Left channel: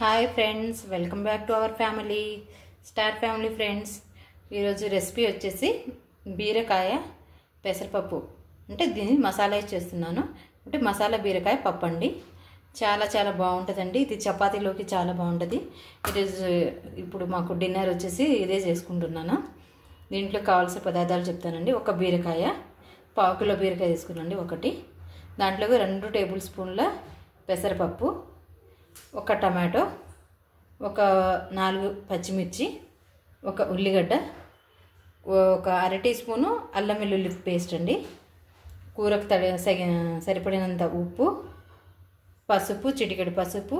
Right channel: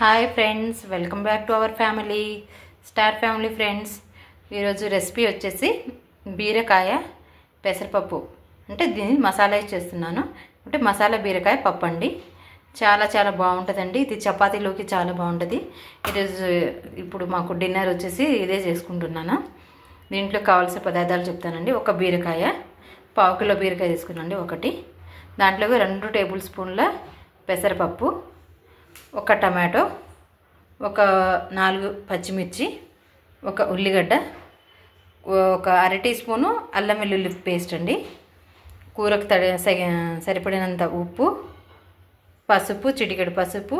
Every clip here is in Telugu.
Hi friends, welcome back to our family star family friends. ఈరోజు రెసిపీ వచ్చేసి బీరకాయ పెసరపప్పు. అంటే దీన్ని మసాలా చేస్తున్నాను. అంటే మసాలా బీరకాయ పప్పు అండి. చాలా చాలా బాగుంటుందండి. ఇది చపాతీలోకి చాలా బాగుంటుంది. ఈరోజు ఇప్పుడు మాకు డిన్నర్ వచ్చేసి ఇదే చేసుకుంటున్నాను. దీంట్లో కావాల్సిన పదార్థాలు చెప్తానండి. ఒక బీరకాయ, 1/2 కిలో బీరకాయ తీసుకున్నాండి ఒకటి. దాంట్లోకి 2 టేబుల్ స్పూన్ల పెసరపప్పు, ఒక టమాటో, ఒక 4 పచ్చిమిర్చి, ఒక ఉల్లిగడ్డ, ఒక 1/2 టీ స్పూను అల్లం వెల్లుల్లి పేస్ట్ అండి, కూరకు సరిపడినంత ఉప్పు, పసుపు, చిటికెడు పసుపు,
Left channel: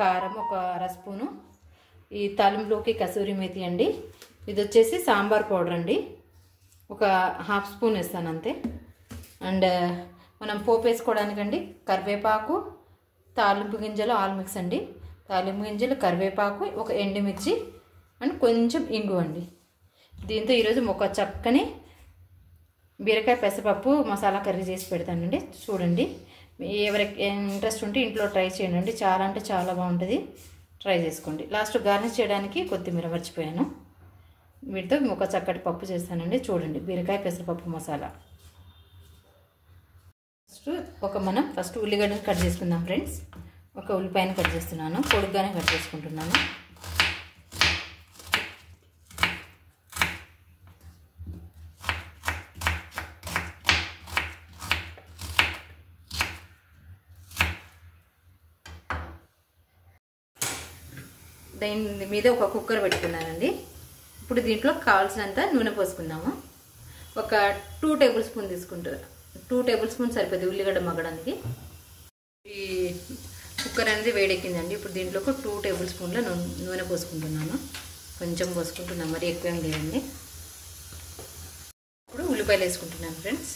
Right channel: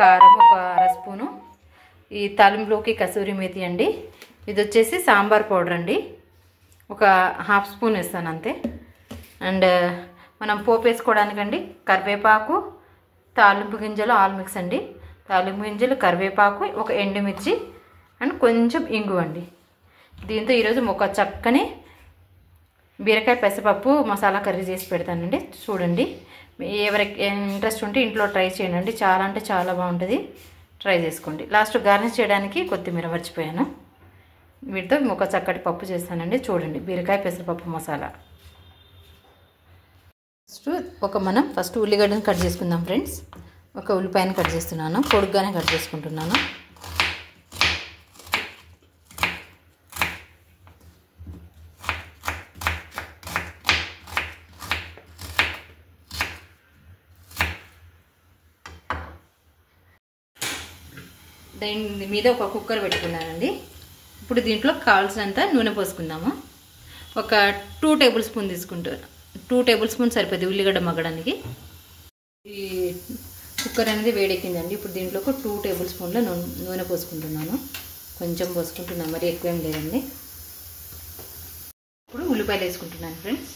కారం ఒక 1/2 స్పూను, ఈ తాలింపులోకి కసూరి మేతి అండి. ఇది వచ్చేసి సాంబార్ పౌడర్ అండి, ఒక 1/2 స్పూన్ వేస్తాను అంతే. అండ్ మనం పోపు వేసుకోవడానికండి కరివేపాకు, తాలింపు గింజలు ఆల్ మిక్స్ అండి. తాలింపు గింజలు, కరివేపాకు, ఒక ఎండుమిర్చి అండ్ కొంచెం ఇంగు అండి. దీంతో ఈరోజు ఒక చక్కని బీరకాయ పెసరపప్పు మసాలా కర్రీ చేసి పెడతానండి. చూడండి, ఎవరికి ఇంట్రెస్ట్ ఉంటే ఇంట్లో ట్రై చేయండి. చాలా అంటే చాలా బాగుంటుంది. ట్రై చేసుకోండి. లాస్ట్ గార్నిష్ చేయడానికి కొత్తిమీర మర్చిపోయాను. వీటితో ఒక చక్కటి పప్పు చేస్తానండి. చూడండి, బీరకాయ పెసరపప్పు మసాలా. ఫస్ట్ ఉల్లిగడ్డను కట్ చేసుకుందాం ఫ్రెండ్స్. ఒక ఉల్లిపాయను కట్ చేస్తున్నాను, పొడుగ్గానే కట్ చేసుకుంటున్నాను. దీని మీద ఒక కుక్కర్ పెట్టుకున్నానండి. ఇప్పుడు దీంట్లో కావాల్సినంత నూనె పోసుకుందాము. ఒక 2 టేబుల్ స్పూన్ తీసుకుంటాను. 2 టేబుల్ స్పూన్ సరిపోతుంది ఉల్లిగడ్డ మగ్గడానికి. ఈ కుక్కర్ అనేది వేడెక్కిందండి. ఇప్పుడు దీంట్లో ఒక 2 టేబుల్ స్పూన్ల నూనె పోసుకుంటున్నాను. కొంచెం పోసుకుంటున్నాను, మరి ఎక్కువేం లేదండి. ఇప్పుడు ఉల్లిపాయలు వేసుకుంటున్నాను ఫ్రెండ్స్.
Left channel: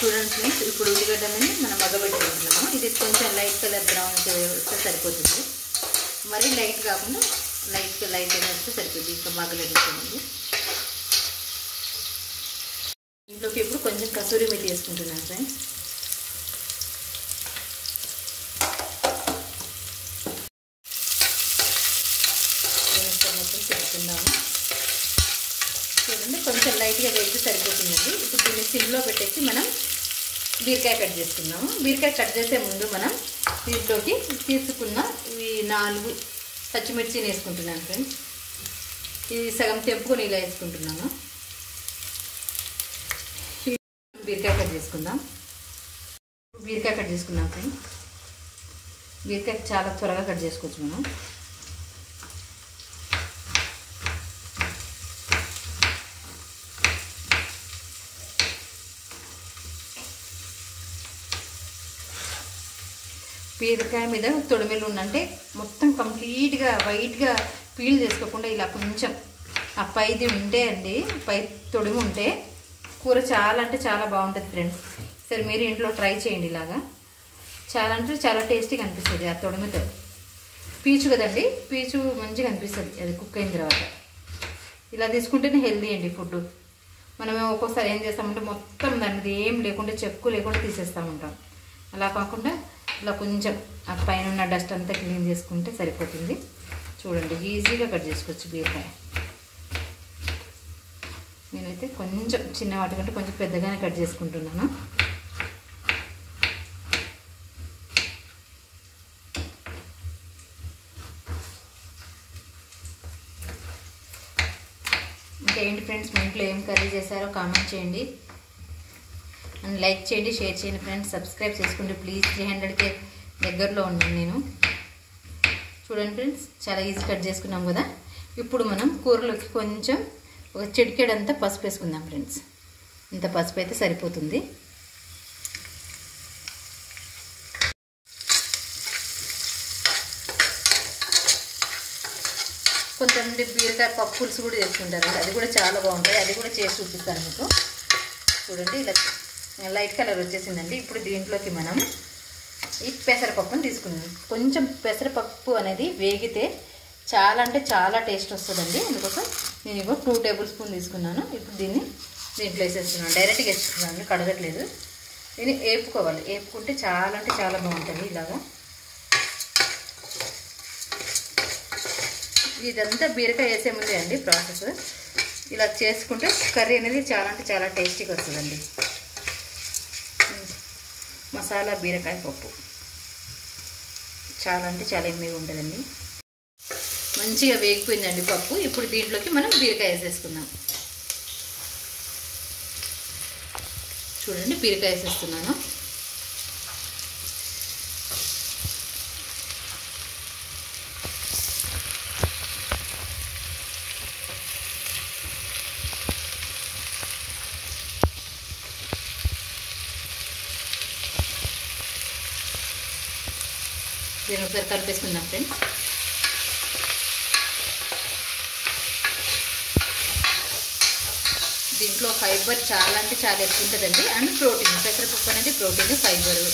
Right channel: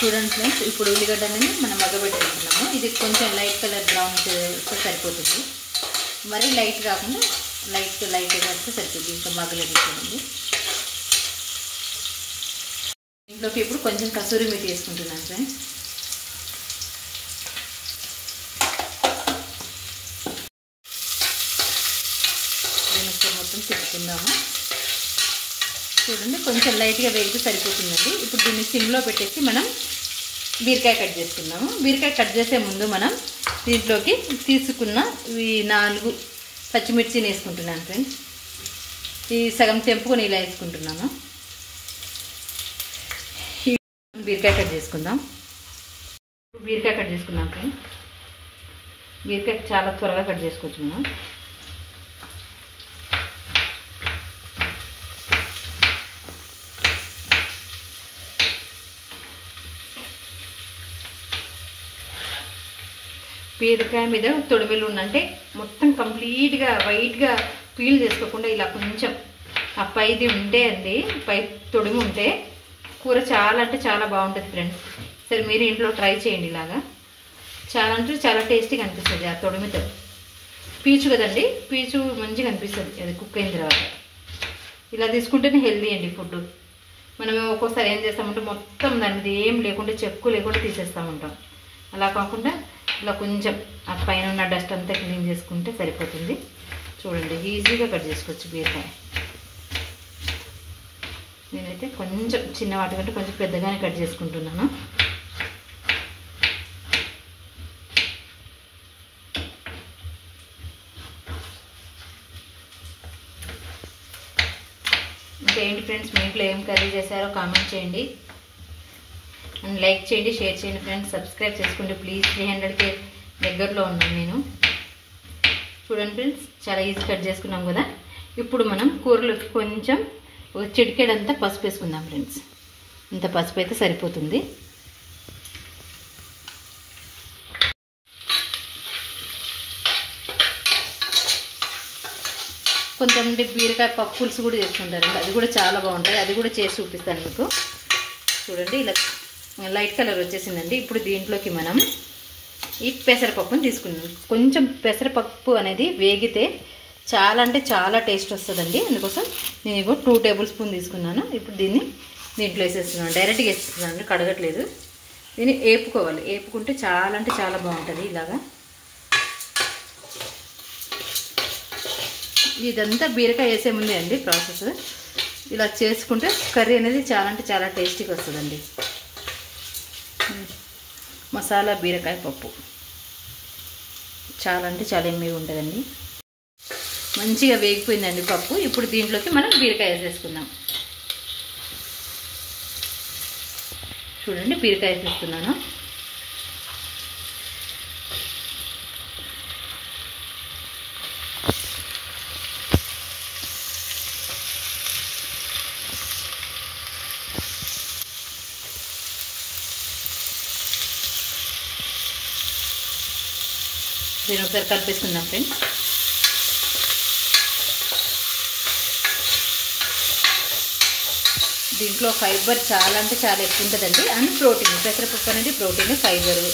చూడండి ఫ్రెండ్స్, ఇప్పుడు ఉల్లిగడ్డని మనం మగ్గబెట్టుకుంటున్నాము. ఇది కొంచెం లైట్ కలర్ బ్రౌన్ చేస్తే సరిపోతుంది. మరీ లైట్ కాకుండా లైట్ వేస్తే సరిపోతుంది. ఇంకా మగ్గలేకపోతుంది. ఇంట్లోకి ఇప్పుడు కొంచెం కసూరి మేతి వేసుకుంటున్నాను ఫ్రెండ్స్. మొత్తం తిప్పుకుందాము. చూడండి, కొంచెం లైట్గా వేగితే సరిపోతుందండి. ఇప్పుడు దీన్ని సిమ్లో పెట్టేసి మనం బీరకాయ కట్ చేసుకుందాము. బీరకాయ కట్ చేసే ముందు మనం దీంట్లోకి తీసుకున్న ఈ 4 పచ్చిమిర్చిని వేసుకుంటున్నాను ఫ్రెండ్స్. ఈ సగం తెంపుకొని ఇలా వేసుకుంటున్నాము. బీరకాయ కట్ చేసుకుందాం. బీరకాయ కట్ చేసుకుందాం ఫ్రెండ్స్. బీరకాయ చాలా త్వరగా కట్ చేసుకోవచ్చు మనం. బీరకాయ మీద తొడిమెలు ఉందంటే మొత్తం కంప్లీట్గా వైట్గా పీల్ చేసుకోకుండా ఇలా కొంచెం ఆ పైది ఉంటే అండి, పై తొడిమి ఉంటే కూర చాలా అంటే చాలా బాగుంటుంది ఫ్రెండ్స్. సరే, మీరు ఇంట్లో ట్రై చేయండి. ఇలాగా చాలా అంటే చాలా టేస్టీగా అనిపిస్తుంది. ఆ తొడిమితో పీచు కదండి, పీచు మంచిగా అనిపిస్తుంది అది కుక్ అయిన తర్వాత. ఇలా తీసుకుంటేనే హెల్దీ అండి ఫుడ్. మనం ఒక్కోసారి ఏం చేస్తామంటే మొత్తం దాని మీద ఏం లేకుండా, చెక్కు లేకుండా తీసేస్తూ ఉంటాం. అలా కాకుండా ఇలా కొంచెం ఆ పైన ఉన్న డస్ట్ అంతా క్లీన్ చేసుకుంటే సరిపోతుంది. చూడండి, ఈజీగా కట్ చేసుకోవచ్చు బీరకాయ. నేనైతే కొంచెం చిన్న వాటి కంటే కొంచెం పెద్దగానే కట్ చేసుకుంటున్నాను. ఇంకేంటి ఫ్రెండ్స్, మీ ఇంట్లో ఏం కర్రీ చేశారో కామెంట్ చేయండి. అండ్ లైక్ చేయండి, షేర్ చేయండి ఫ్రెండ్స్. సబ్స్క్రైబ్ చేసుకోండి ప్లీజ్. 300కే దగ్గరలో ఉన్నాను నేను. చూడండి ఫ్రెండ్స్, చాలా ఈజీ కట్ చేసుకున్నాం కదా. ఇప్పుడు మనం కూరలోకి కొంచెం ఒక చిటికెడంతా పసుపు వేసుకుందాం ఫ్రెండ్స్. ఇంత పసుపు అయితే సరిపోతుంది. కొంతమంది బీరకాయ పప్పు పులుసు కూడా చేసుకుంటారు, అది కూడా చాలా బాగుంటుంది. అది కూడా చేసి చూపిస్తాను మీకు. చూడండి, ఇలా లైట్ కలర్ వచ్చేసిందండి. ఇప్పుడు దీంట్లోకి మనం ఈ పెసరపప్పుని తీసుకున్నాం. కొంచెం పెసరపప్పు అనేది వేగితే చాలా అంటే చాలా టేస్ట్ వస్తుందండి. అందుకోసం నేను ఇగో 2 టేబుల్ స్పూన్ తీసుకున్నాను. ఇప్పుడు దీన్ని దీంట్లో వేసేస్తున్నాను. డైరెక్ట్గా వేసేస్తున్నాను, కడగట్లేదు. దీన్ని వేపుకోవాలి. వేపుకుంటే చాలా అంటే చాలా బాగుంటుంది. ఇలాగా ఇదంతా బీరకాయ వేసే ముందే అండి ప్రాసెస్. ఇలా చేసుకుంటే కర్రీ అనేది చాలా అంటే చాలా టేస్టీగా వస్తుందండి. మసాలా బీరకాయ పప్పు చాలా అంటే చాలా ఎమ్మెగా ఉంటుందండి. మంచిగా వేగిపోయిందండి పప్పు. ఇప్పుడు దీంట్లోకి మనం బీరకాయ వేసేసుకుందాం. చూడండి, బీరకాయ వేసేస్తున్నాను. దీని ఒకసారి కలిపేసుకుందాం ఫ్రెండ్స్. దీంట్లో ఫైబర్ చాలా అంటే చాలా ఎక్కువ ఉంటుందండి. అండ్ ప్రోటీన్, పెసరపప్పు అనేది ప్రోటీన్, ఫైబరు,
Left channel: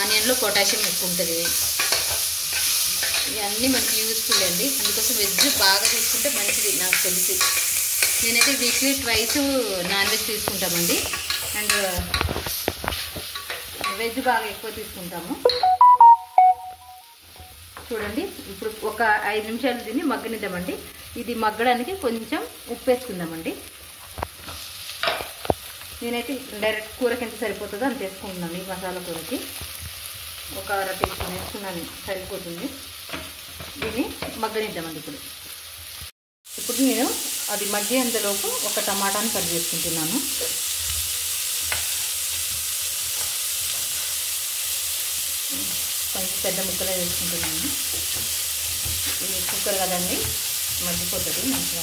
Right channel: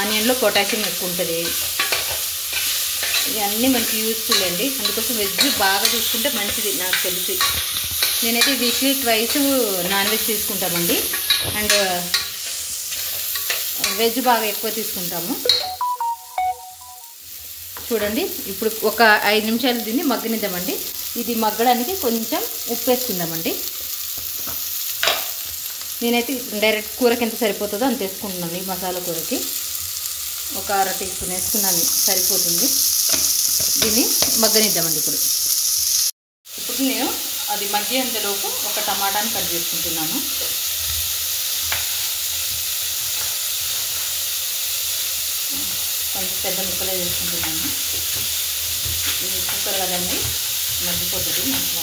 ఆనియన్లో పొటాషియం ఎక్కువ ఉంటుంది. ఇవన్నీ మనకి యూస్ఫుల్ అండి. అందుకోసం వెజ్ బాగా తీసుకుంటే మంచిది. నాకు తెలిసి నేనైతే వీక్లీ 2 నాన్ వెజ్ తీసుకుంటామండి. అండ్ వెజ్ బాగా ఎక్కువ తీసుకుంటాము. చూడండి, ఇప్పుడు ఒక 5 నిమిషాలు దీన్ని మగ్గనిద్దామండి. ఇది మగ్గడానికి కొంచెం ఉప్పు వేసుకుందామండి. నేనైతే డైరెక్ట్ కూరకి ఎంత సరిపోతుందో అంత వేసుకుంటున్నాను. ఈ మసాలా కూరకి ఒక 1/2 టీ స్పూన్ వేసుకున్నాను, సరిపోతుంది. దీన్ని మగ్గనిద్దామండి. ఇప్పుడు నేను అది మగ్గేంతలోపు ఒక టమాటాని కట్ చేసుకుంటున్నాను. కొంచెం పెద్ద ముక్కలు వేసుకుంటున్నాను. ఇది కుక్కర్ కదండి, మగ్గిపోతుంది మంచిగా.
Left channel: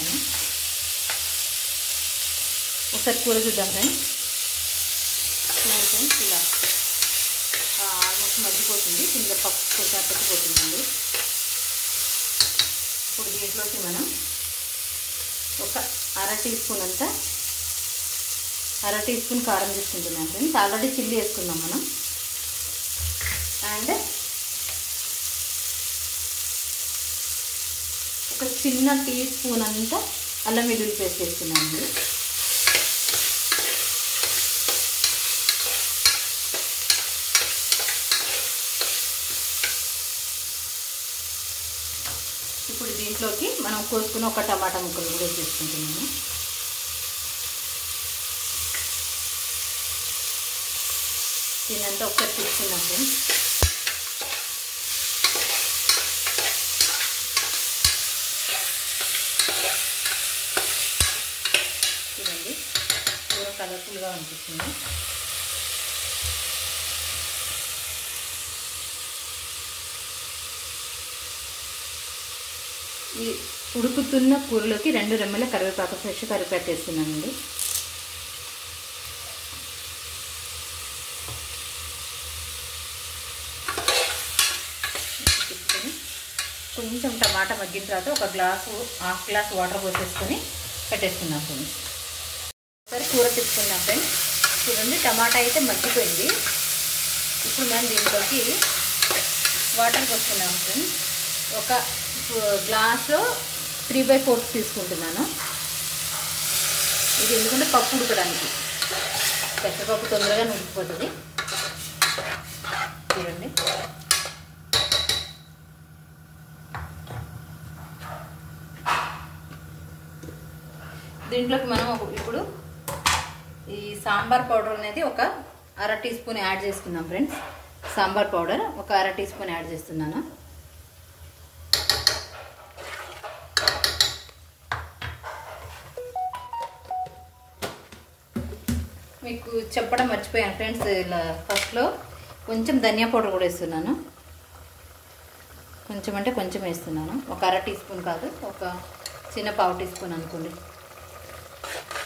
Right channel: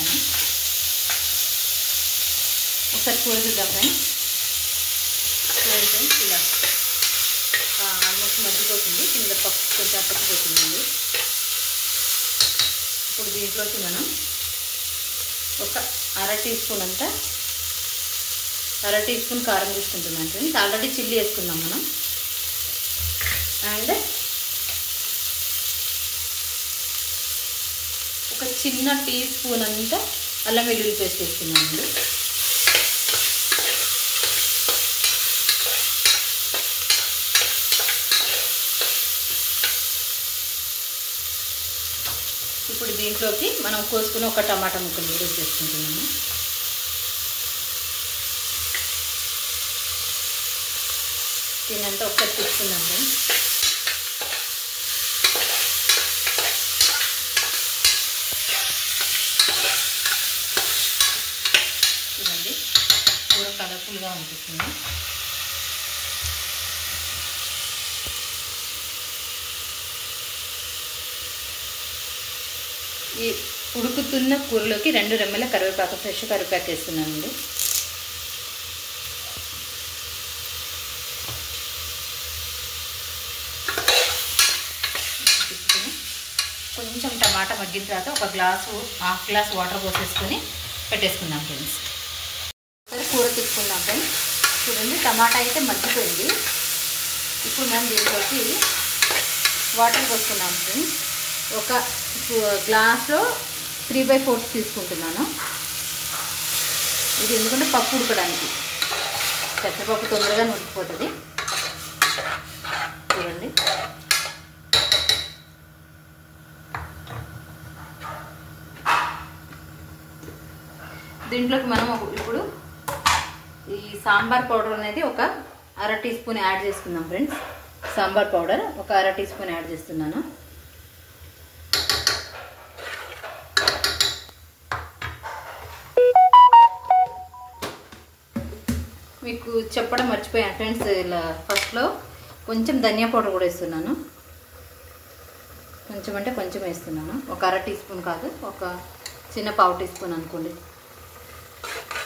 ఒకసారి కూర చూద్దాం కానీ ఇలా ఆల్మోస్ట్ మగ్గిపోతుంది. కింద పప్పు కొంచెం పచ్చిపోతుందండి. ఇప్పుడు దీంట్లోకి మనం ఒక 1/2 టీ స్పూన్ అంతా 1/2 టీ స్పూన్ కారం తీసుకుంటున్నాం ఫ్రెండ్స్. ఆల్రెడీ చిల్లీ వేసుకున్నాం మనం. అండ్ ఒక చిన్న టీ స్పూన్ అంతా అల్లం వెల్లుల్లి పేస్ట్ వేసుకున్నామండి. ఇప్పుడు దీంట్లోకి మనం కోసుకుని ఒక టమాటా ముక్కలు వేసి చేసుకుంటున్నాము. దీనంతా ఒకసారి తీసుకున్నాము. చూడండి, కూర కలర్ఫుల్గా ఉంటుంది. ఈ ఉడుకుతున్న కూరలోకి 2 రెమ్మల కరివేపాకు, ఫ్రెష్ కరివేపాకు వేస్తున్నానండి. కొంచెం టమాటా మగ్గిన తర్వాత ఒక గ్లాసు, 1/2 గ్లాస్ వాటర్ పోసేసుకొని పెట్టేసుకున్నాం ఫ్రెండ్స్. సరే, కూర తీసుకున్నాం ఫ్రెండ్స్. చూడండి, టమాటా అయితే మగ్గిపోయింది. ఇప్పుడు మనం దీంట్లోకి వాటర్ పోసుకున్నాం ఫ్రెండ్స్. ఒక గ్లాస్లో 3/4 తీసుకుంటున్నాను. ఇది ఎందుకంటే పప్పు ఉడకడానికి, పెసరపప్పు తొందరగా ఉడికిపోతుంది. చూడండి, దీంట్లోకి మనం ఇప్పుడు ఈ సాంబార్ పౌడర్ అనేది ఒక 1/2 టీ స్పూన్ యాడ్ చేసుకుందాం ఫ్రెండ్స్. సాంబార్ పౌడర్ ఒక 1/2 టీ స్పూన్ యాడ్ చేస్తున్నాను. మీకు చెప్పడం మర్చిపోయాను ఫ్రెండ్స్, ఇలా ఫస్ట్లో కొంచెం ధనియా పౌడర్ కూడా వేస్తున్నాను. కొంచెం అంటే కొంచెం వేస్తున్నాను. ఒక 1/2 టీ స్పూన్ కాదు, ఒక చిన్న 1/2 టీ స్పూన్ అనుకోండి.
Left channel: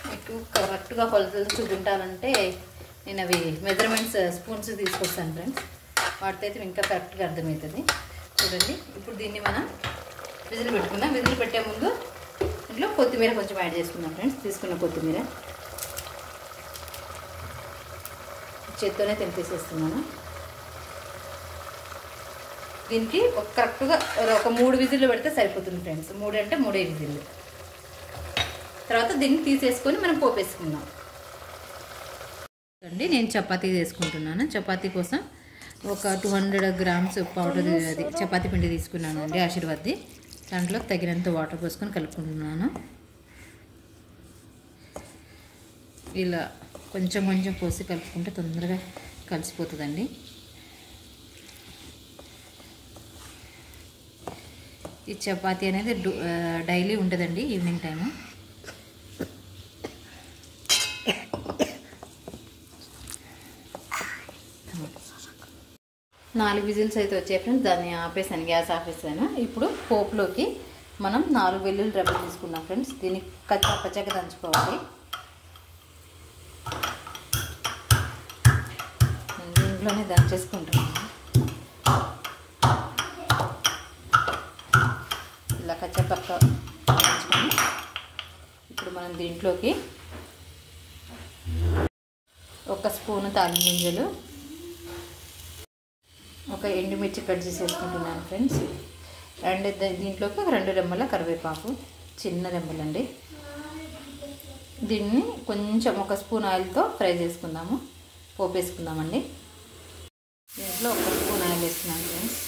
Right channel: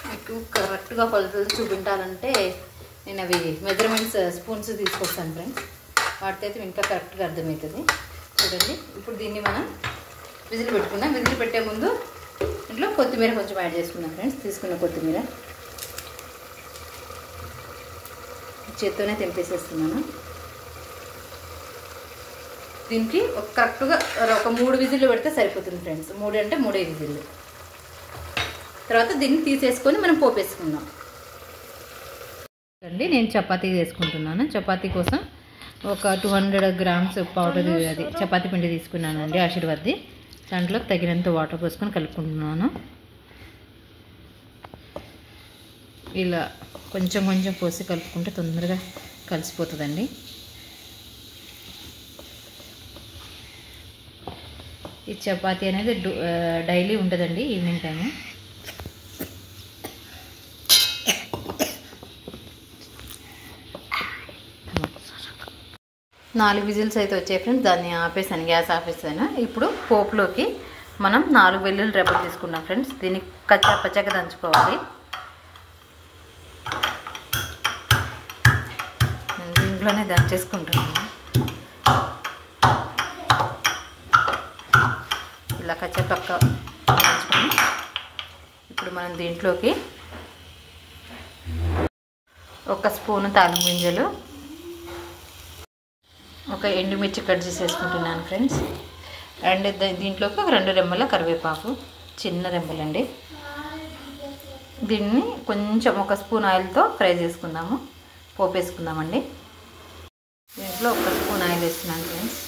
మీకు కరెక్ట్గా కొలతలు చూపించాలంటే నేను అవి మెజర్మెంట్స్ స్పూన్స్ తీసుకొస్తాను ఫ్రెండ్స్. వాటితో అయితే ఇంకా కరెక్ట్గా అర్థమవుతుంది. చూడండి, ఇప్పుడు దీన్ని మనం విజిల్ పెట్టుకున్నాం. విజిల్ పెట్టే ముందు ఇంట్లో కొత్తిమీర కొంచెం యాడ్ చేసుకున్నాం ఫ్రెండ్స్. తీసుకున్న కొత్తిమీర చేత్తోనే తెంపేసేస్తున్నాను. దీనికి కరెక్ట్గా ఒక 3 విజిల్లు పెడితే సరిపోతుంది ఫ్రెండ్స్. 3 అంటే 3 విజిల్లు. తర్వాత దీన్ని తీసేసుకొని మనం పోపేసుకుందాం అండి. నేను చపాతీ చేసుకుంటున్నాను. చపాతీ కోసం ఒక 200 గ్రామ్స్ పౌడర్ అది చపాతీ పిండి తీసుకున్నానండి ఆశీర్వాద్ది. దాంట్లో తగినంత వాటర్ పోసుకొని కలుపుకుంటున్నాను. ఇలా కొంచెం కొంచెం పోసి కలుపుకుంటే తొందరగా కలిసిపోతుందండి. ఈ చపాతీ అనేది డైలీ ఉంటుందండి ఈవినింగ్ టైము. నాలుగు విజిల్స్ అయితే వచ్చాయి ఫ్రెండ్స్. దాన్ని ఆపేసాను, గ్యాస్ ఆపేసాను. ఇప్పుడు పోపులోకి మనం 4 వెల్లుల్లి రెబ్బలు తీసుకున్నాం ఫ్రెండ్స్. దీన్ని పచ్చగా దంచుకోవాలి. నేను దీంట్లోనే దంచేసుకుంటున్నాను. ఇలా పక్క దంచుకొని ఇప్పుడు మనం దీంట్లోకి 1 స్పూను తాలింపు గింజలు, ఒక ఎండుమిర్చి కట్ చేసేసుకుంటున్నాను ఫ్రెండ్స్. అండ్ దీంట్లోకి 2 రెమ్మల కరివేపాకు, చిన్న రెమ్మలండి. దీన్ని కొంచెం 1 స్పూన్ ఆయిల్తో ఫ్రై చేసుకుందాము, పోపేసుకుందామండి. దీంట్లో 1 స్పూన్ ఆయిల్ వేస్తున్నాను ఫ్రెండ్స్.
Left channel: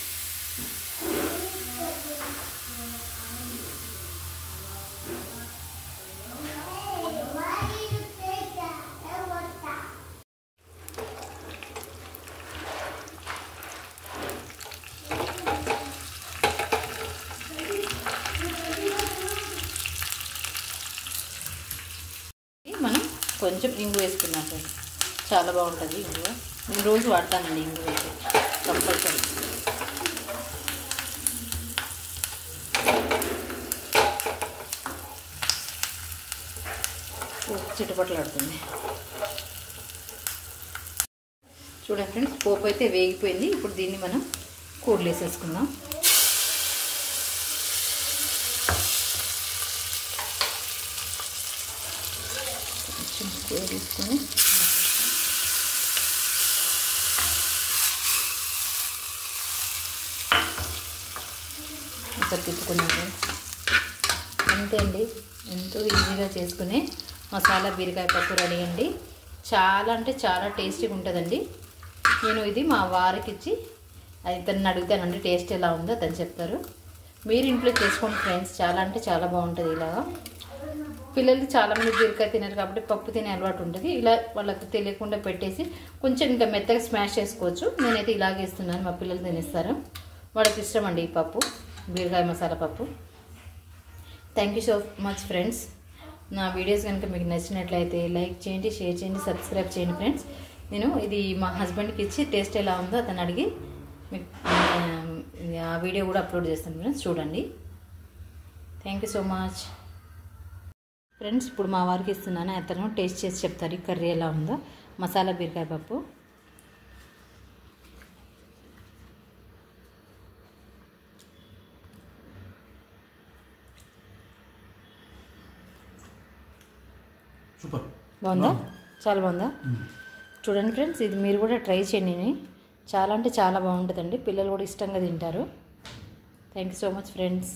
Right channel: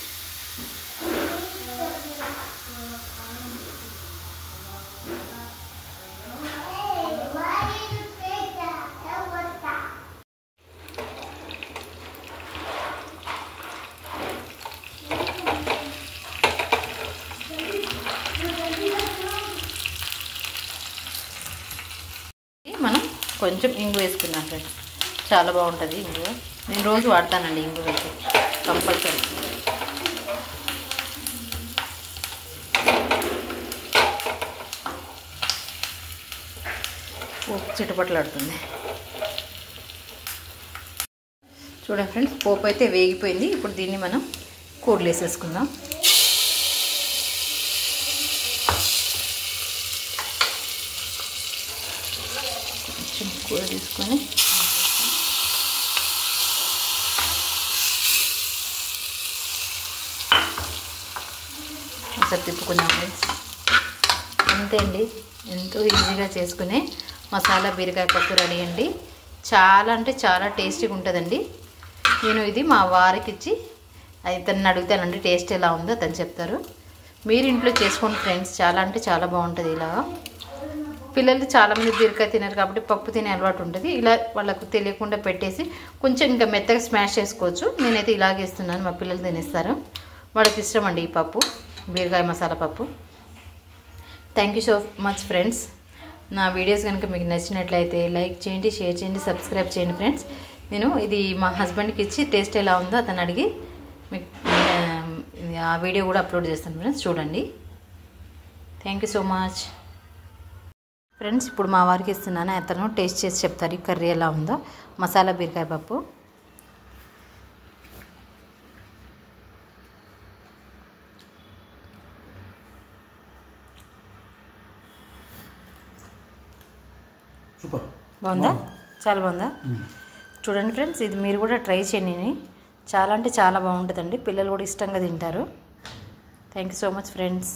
మనం కొంచెం ఇంగు వేసుకున్నాం ఫ్రెండ్స్. చాలా బాగుంటుంది ఇంగువ. నేను రోజు వాడతానండి ఇంగువ అయితే కంపల్సరీ. చిటపట్లాడుతుంది. చూడండి ఫ్రెండ్స్, పోపు అయితే వేగిపోయింది. ఇప్పుడు దీన్ని మనం కూరలు వేసేసుకుందాం. కొంచెం కూర తీసుకొని ఒకసారి తిప్పుకుందాం ఫ్రెండ్స్. అంతే అండి, ఎంతో ఈజీగా చేసుకునే మసాలా బీరకాయ పప్పు రెడీ అండి. చాలా అంటే చాలా టేస్టీగా ఉంటుందండి. నేను ఇది మా వారికి ఇచ్చి అతన్ని అడుగుతానండి టేస్ట్ ఎలా ఉందో అతను చెప్తారు. మీరు ఇంట్లో చేసుకోండి ఫ్రెండ్స్. చాలా అంటే చాలా బాగుంటుంది. ఇలాగా పిల్లలు చాలామంది బీరకాయ తినరు కాబట్టి పప్పు తినే అలవాటు ఉంటుంది. ఇలా వాళ్ళకు తెలియకుండా పెట్టేసి కొంచెం ఇంకా మెత్తగా స్మాష్ చేసుకోవచ్చు. నేనైతే ఇలాగే ఇస్తున్నాను, మా పిల్లలు తినేస్తారు. వాళ్ళకి ఇష్టం అండి ఈ పప్పు, బీరకాయ మసాలా పప్పు. Thank you so much friends. నా వీడియోస్ కనుక మీకు నచ్చినట్లయితే లైక్ చేయండి, షేర్ చేయండి, సబ్స్క్రైబ్ చేయండి ఫ్రెండ్స్. నేను ఇది మా హస్బెండ్కి ఇచ్చి టేస్ట్ ఎలా ఉందో అతను అడిగి మీకు ఆ వీడియో కూడా అప్లోడ్ చేస్తాను ఫ్రెండ్స్, చూడండి. Thank you so much friends. ఇప్పుడు మా వారికి ఇస్తున్నాను, అతను టేస్ట్ చేసి చెప్తారు ఈ కర్రీ ఎలా ఉందో. మసాలా బీరకాయ పప్పు. సూపర్, బాగుందా? చాలా బాగుందా? చూడండి ఫ్రెండ్స్, ఇది మీరు కూడా ట్రై చేయండి. చాలా అంటే చాలా బాగుంటుందండి. పిల్లలు కూడా ఇష్టంగా తింటారు. Thank you so much friends.